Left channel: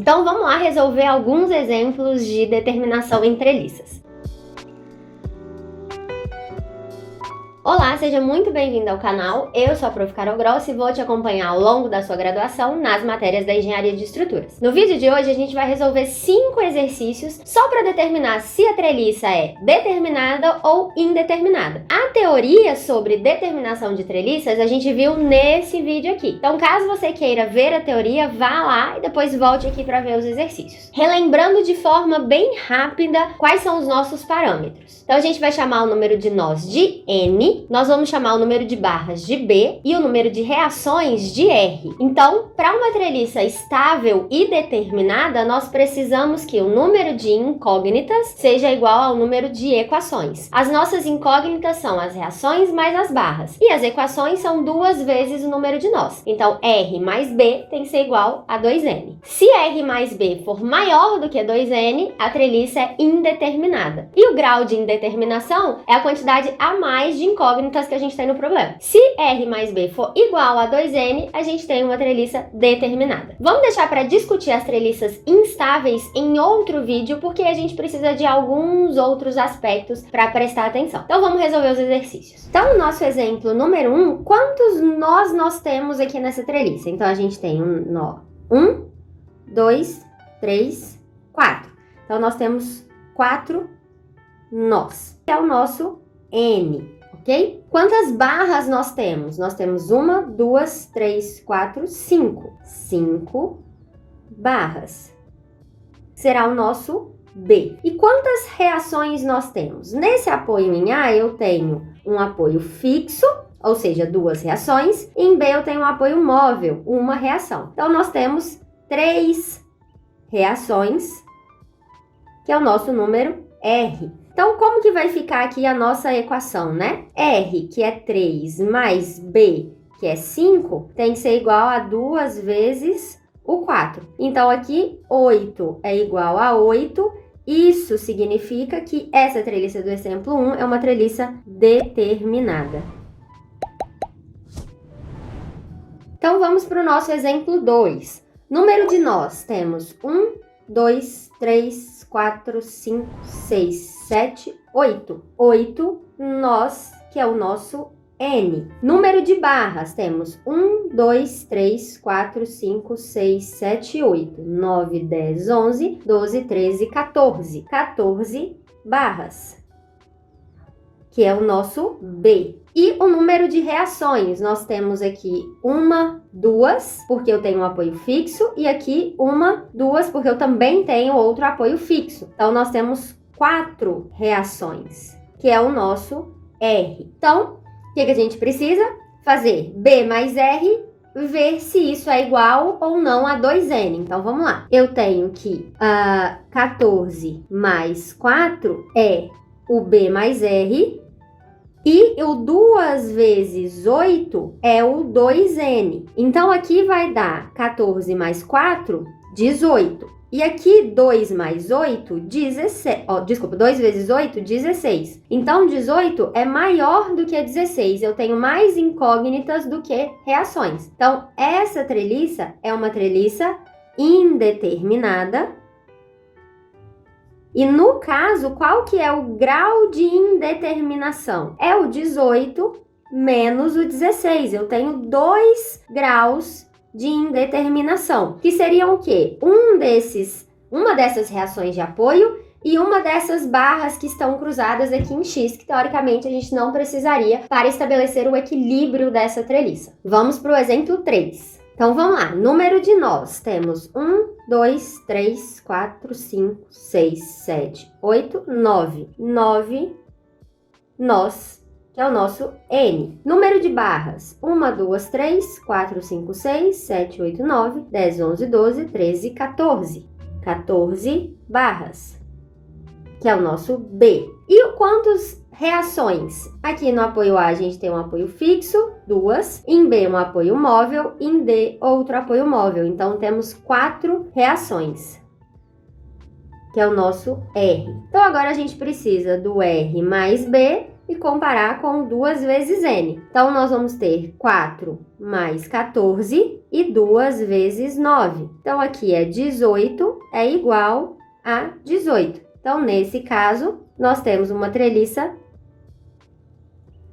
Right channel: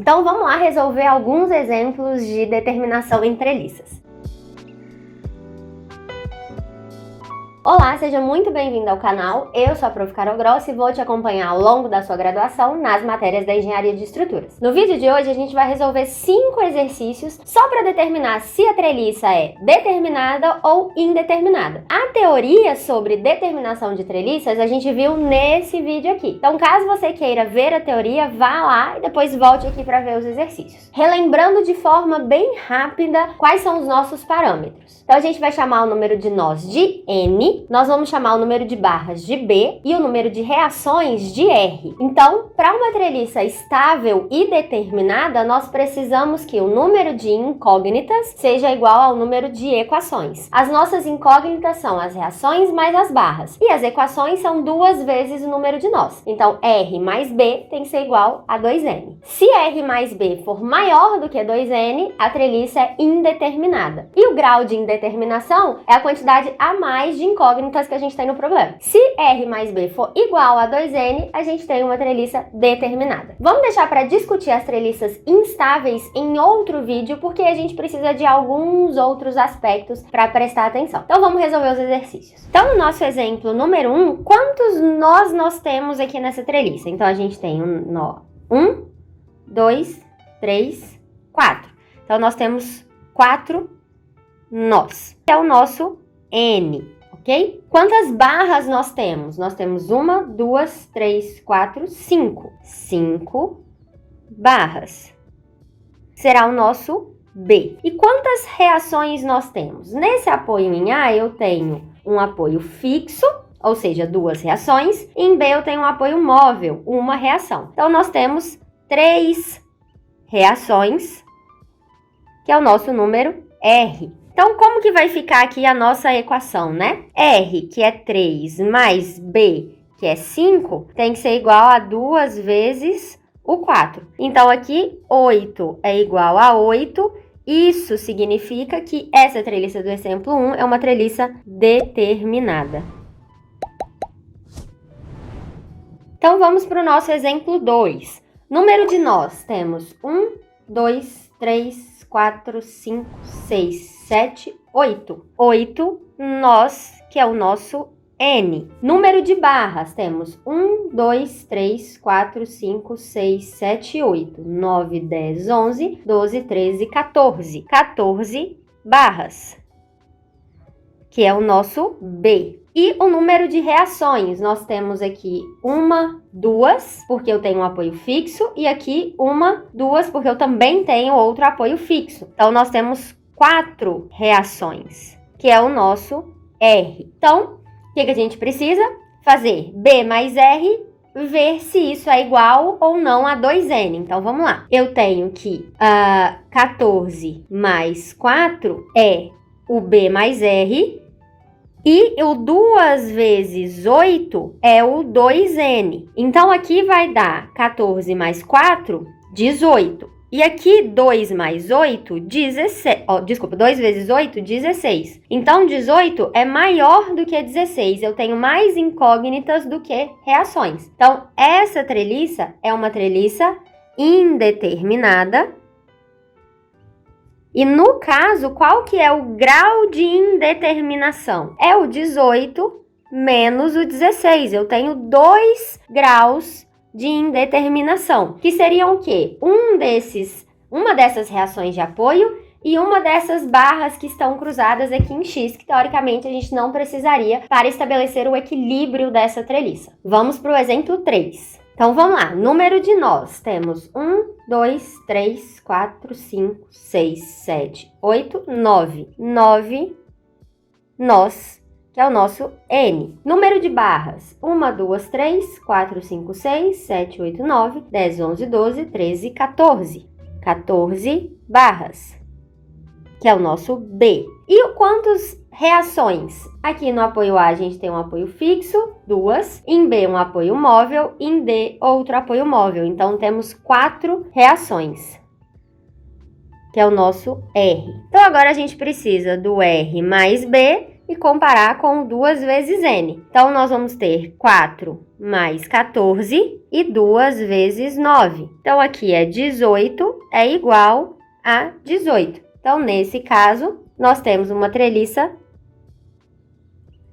Então vamos lá resolver alguns exemplos de determinação em treliças. Olá, seja muito bem-vindo ao canal. Eu sou a Prof. Carol Grossi e vou te acompanhar ao longo da sua graduação nas matérias da Engenharia de Estruturas. No vídeo de hoje a gente vai resolver 5 exercícios só para determinar se a treliça é determinada ou indeterminada. A teoria sobre determinação de treliças a gente viu nesse vídeo aqui. Então, caso você queira ver a teoria, vá lá e depois volte aqui para ver os exercícios. Relembrando de forma bem rápida quais são os nossos parâmetros. Então, a gente vai chamar o número de nós de N, nós vamos chamar o número de barras de B e o número de reações de R. Então, para uma treliça estável e determinada, nós precisamos que o número de incógnitas seja igual ao número de equações. As nossas incógnitas são as reações mais as barras, e as equações são 2 vezes o número de nós. Então, R mais B tem que ser igual a 2N. Se R mais B for maior do que 2N, a treliça é indeterminada. E o grau de indeterminação é a quantidade a mais de incógnitas que a gente tem no problema. Se R mais B for igual a 2N, a gente tem uma treliça determinada. Vamos deixar para discutir as treliças instáveis em outro vídeo, porque a gente precisa de alguns outros aspectos para prestar atenção. Então vamos resolver os exercícios. Então, o nosso exemplo número 1, quantos nós temos aqui nessa treliça? Então, a gente tem um nó. 1, 2, 3, 4. Então, nós temos 4 nós. É o nosso N, ok? Quantas barras nós temos? Nós temos 1, 2, 3, 4, 5. 5 barras. Será o nosso B. E quantas reações nós temos? Nesse apoio em A, eu tenho um apoio fixo, ou seja, 2 reações. Em B, eu tenho um apoio móvel, 1 reação. Então, nós temos 3 reações, que é o nosso número R. Então, como que vai ficar aqui a nossa equação, né? R, que é 3, mais B, que é 5, tem que ser igual a 2 vezes o 4. Então, aqui, 8 é igual a 8. Isso significa que essa treliça do exemplo 1 é uma treliça determinada. Então, vamos para o nosso exemplo 2. Número de nós, temos 1, 2, 3, 4, 5, 6, 7, 8. 8 nós, que é o nosso N. Número de barras, temos 1, 2, 3, 4, 5, 6, 7, 8, 9, 10, 11, 12, 13, 14. 14 barras, que é o nosso B. E o número de reações, nós temos aqui 1, 2, porque eu tenho um apoio fixo, e aqui 1, 2, porque eu também tenho outro apoio fixo. Então, nós temos 4 reações, que é o nosso R. Então, o que a gente precisa? Fazer B mais R, ver se isso é igual ou não a 2N. Então, vamos lá. Eu tenho que 14 mais 4 é o B mais R, e o 2 vezes 8 é o 2N. Então, aqui vai dar 14 mais 4, 18. E aqui, 2 mais 8, 16. 2 vezes 8, 16. Então, 18 é maior do que 16. Eu tenho mais incógnitas do que reações. Então, essa treliça é uma treliça indeterminada. E no caso, qual que é o grau de indeterminação? É o 18 menos o 16. Eu tenho 2 graus de indeterminação, que seriam o quê? Uma dessas reações de apoio e uma dessas barras que estão cruzadas aqui em X, que teoricamente a gente não precisaria para estabelecer o equilíbrio dessa treliça. Vamos para o exemplo 3. Então, vamos lá. Número de nós. Temos 1, 2, 3, 4, 5, 6, 7, 8, 9. 9 nós, que é o nosso N. Número de barras. 1, 2, 3, 4, 5, 6, 7, 8, 9, 10, 11, 12, 13, 14. 14 barras, que é o nosso B. E quantas reações? Aqui no apoio A a gente tem um apoio fixo, 2. Em B um apoio móvel, em D outro apoio móvel. Então temos 4 reações, que é o nosso R. Então agora a gente precisa do R mais B e comparar com 2 vezes N. Então nós vamos ter 4 mais 14 e 2 vezes 9. Então, aqui é 18 é igual a 18. Então, nesse caso, nós temos uma treliça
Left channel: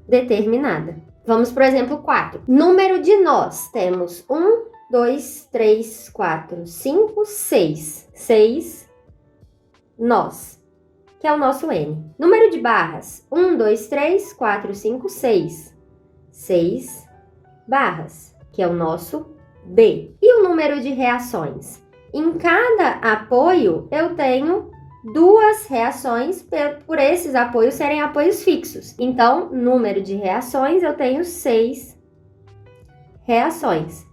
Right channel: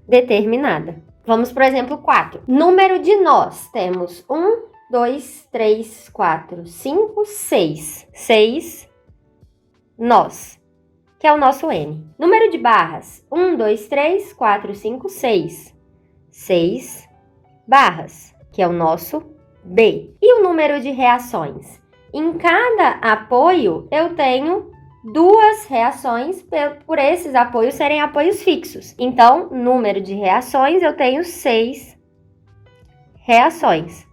determinada. Vamos para o exemplo 4. Número de nós. Temos 1, 2, 3, 4, 5, 6. 6 nós, que é o nosso N. Número de barras. 1, 2, 3, 4, 5, 6. 6 barras, que é o nosso B. E o número de reações? Em cada apoio, eu tenho 2 reações por esses apoios serem apoios fixos. Então, número de reações, eu tenho 6 reações,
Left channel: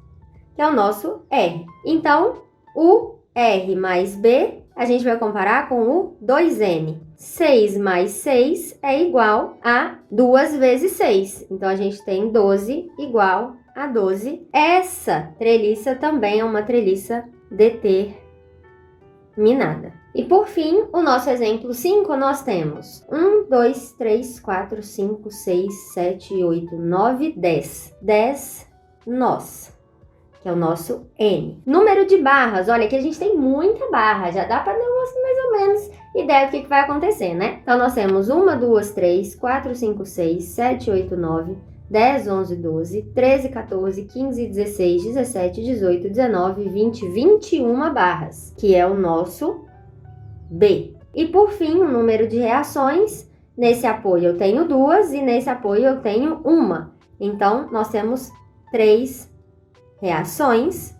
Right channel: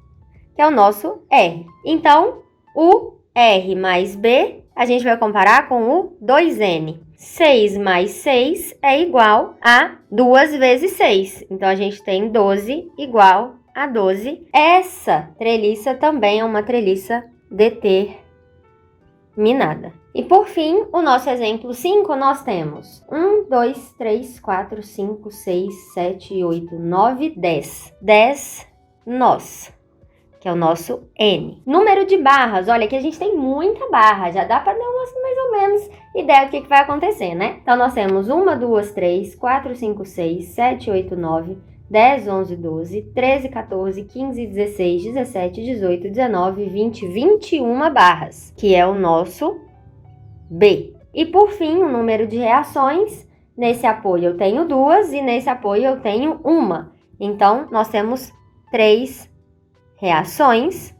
que é o nosso R. Então, o R mais B, a gente vai comparar com o 2N. 6 mais 6 é igual a 2 vezes 6. Então, a gente tem 12 igual a 12. Essa treliça também é uma treliça determinada. E por fim, o nosso exemplo 5, nós temos 1, 2, 3, 4, 5, 6, 7, 8, 9, 10. 10 nós, que é o nosso N. Número de barras, olha que a gente tem muita barra, já dá para dar mais ou menos ideia do que vai acontecer, né? Então, nós temos 1, 2, 3, 4, 5, 6, 7, 8, 9, 10, 11, 12, 13, 14, 15, 16, 17, 18, 19, 20, 21 barras, que é o nosso B. E por fim, o número de reações. Nesse apoio eu tenho 2 e nesse apoio eu tenho 1. Então, nós temos 3 reações,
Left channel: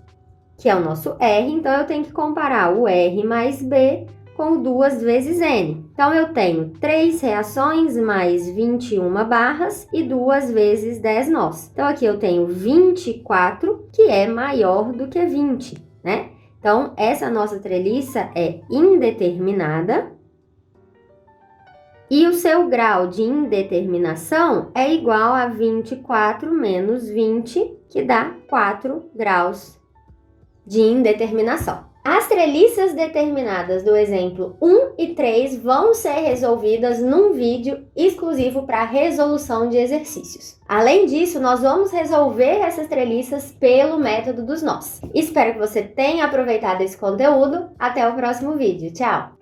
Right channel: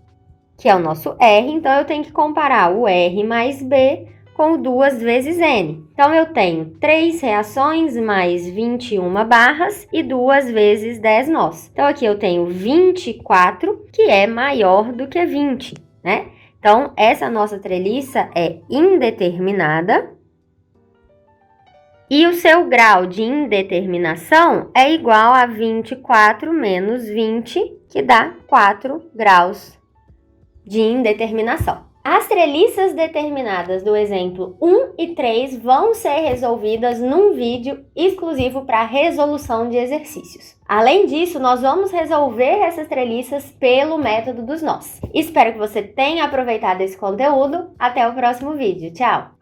que é o nosso R. Então, eu tenho que comparar o R mais B com 2 vezes N. Então, eu tenho 3 reações mais 21 barras e 2 vezes 10 nós. Então, aqui eu tenho 24, que é maior do que 20, né? Então, essa nossa treliça é indeterminada e o seu grau de indeterminação é igual a 24 menos 20, que dá 4 graus de indeterminação. As treliças determinadas do exemplo 1 e 3 vão ser resolvidas num vídeo exclusivo para resolução de exercícios. Além disso, nós vamos resolver essas treliças pelo método dos nós. Espero que você tenha aproveitado esse conteúdo. Até o próximo vídeo. Tchau!